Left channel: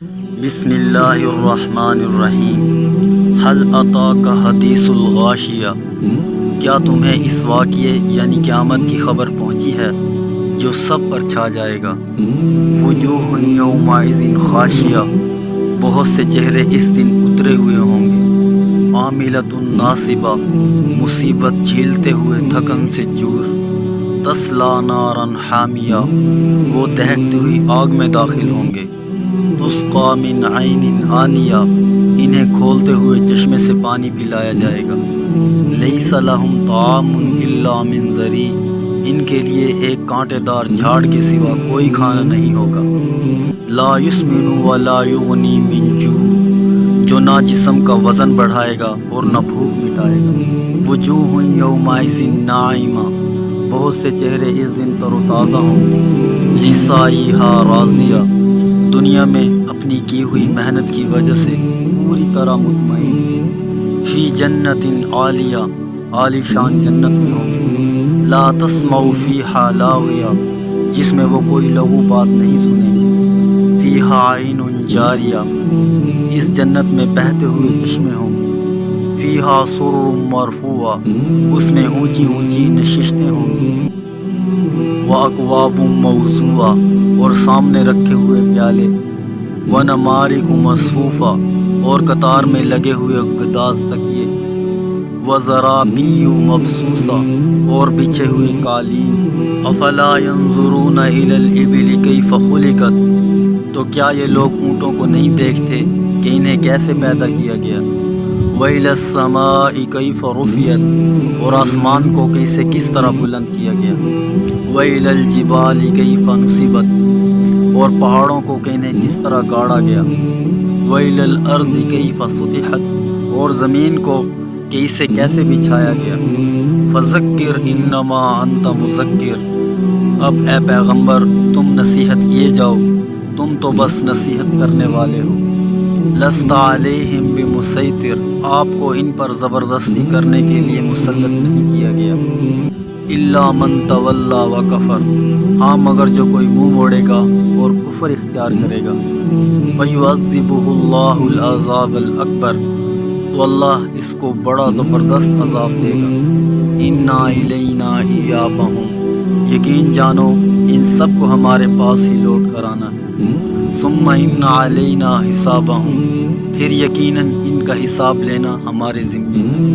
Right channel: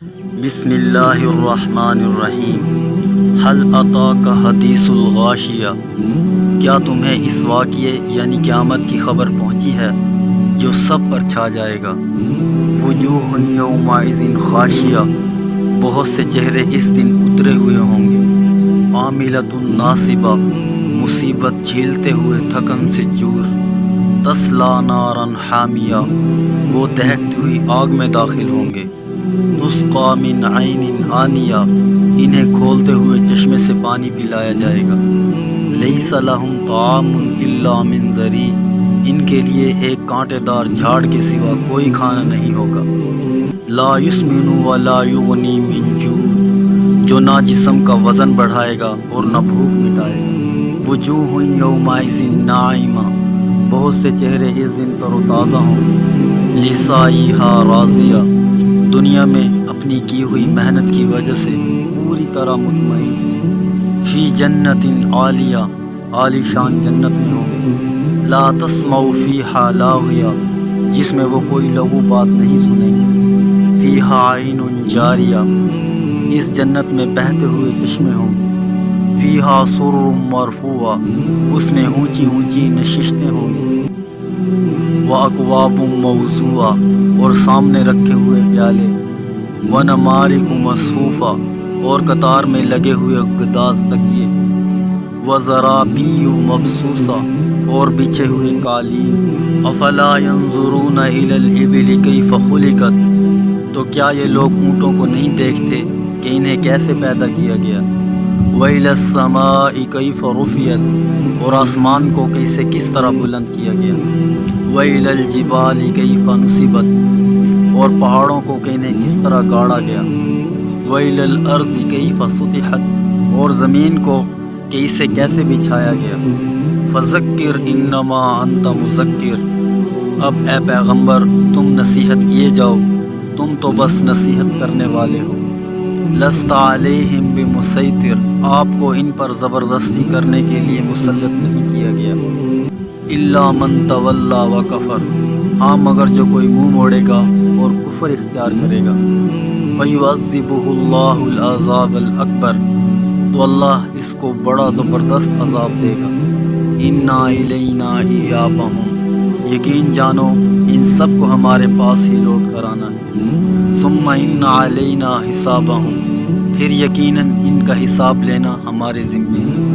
بسم اللہ الرحمن الرحیم۔ حل اتاک حدیث الغاشیہ، کیا تمہیں اس واقعے یعنی قیامت کی خبر پہنچی ہے جو سب پر چھا جائے گا؟ وجوہ یومئذ خاشیہ، بہت سے چہرے اس دن اترے ہوئے ہوں گے۔ عاملۃ ناصبہ، مصیبت جھیلتے ہوئے تھکن سے چور۔ تصلیٰ نارا حامیہ، وہ دہکتی ہوئی آگ میں داخل ہوں گے۔ تسقیٰ من عین آنیہ، انہیں کھولتے ہوئے چشمے سے پانی پلایا جائے گا۔ لیس لہم طعام الا من ضریع، ان کے لیے ایک کانٹے دار جھاڑ کے سوا کوئی کھانا نہیں ہوگا۔ لا یسمن ولا یغنی من جوع، جو نہ جسم کا وزن بڑھائے گا اور نہ بھوک مٹائے گا۔ وجوہ یومئذ ناعمہ، بہت سے چہرے اس دن تر و تازہ ہوں گے۔ لسعیہا راضیہ، دنیا میں اپنی کی ہوئی محنت کی وجہ سے پوری طرح مطمئن۔ فی جنت عالیہ، عالی شان جنت میں ہوں گے۔ لا تسمع فیہا لاغیہ، جس میں وہ کوئی لغو بات نہیں سنیں گے۔ فیہا عین جاریہ، اس جنت میں بہتے ہوئے چشمے ہوں گے۔ فیہا سرر مرفوعہ، اس میں اونچی اونچی نشستیں ہوں گی۔ واکواب موضوعہ، اور سامنے رکھے ہوئے پیالے۔ ونمارق مصفوفہ، اور قطار میں لگے ہوئے گداز تکیے۔ وزرابی مبثوثہ، اور بچھے ہوئے قالین۔ افلا ینظرون الی الابل کیف خلقت، تو کیا یہ لوگ اونٹوں کو نہیں دیکھتے کہ انہیں کیسے پیدا کیا گیا؟ وإلی السماء کیف رفعت، اور آسمان کو کس طرح بلند کیا گیا؟ وإلی الجبال کیف نصبت، اور پہاڑوں کو کس طرح گاڑا گیا؟ وإلی الأرض کیف سطحت، اور زمین کو اسے کیسے بچھایا گیا؟ فذکر انما انت مذکر، اب اے پیغمبر تم نصیحت کیے جاؤ، تم تو بس نصیحت کرنے والے ہو۔ لست علیہم بمسیطر، آپ کو ان پر زبردستی کرنے کے لیے مسلط نہیں کیا گیا۔ الا من تولی وکفر، ہاں مگر جو کوئی منہ موڑے گا اور کفر اختیار کرے گا۔ فیعذبہ اللہ العذاب الأکبر، تو اللہ اس کو بڑا زبردست عذاب دے گا۔ انا الینا ایابہم، یقین جانو ان سب کو ہمارے پاس ہی لوٹ کر آنا ہے۔ ثم ان علینا حسابہم، پھر یقیناً ان کا حساب لینا ہمارے ذمے ہے۔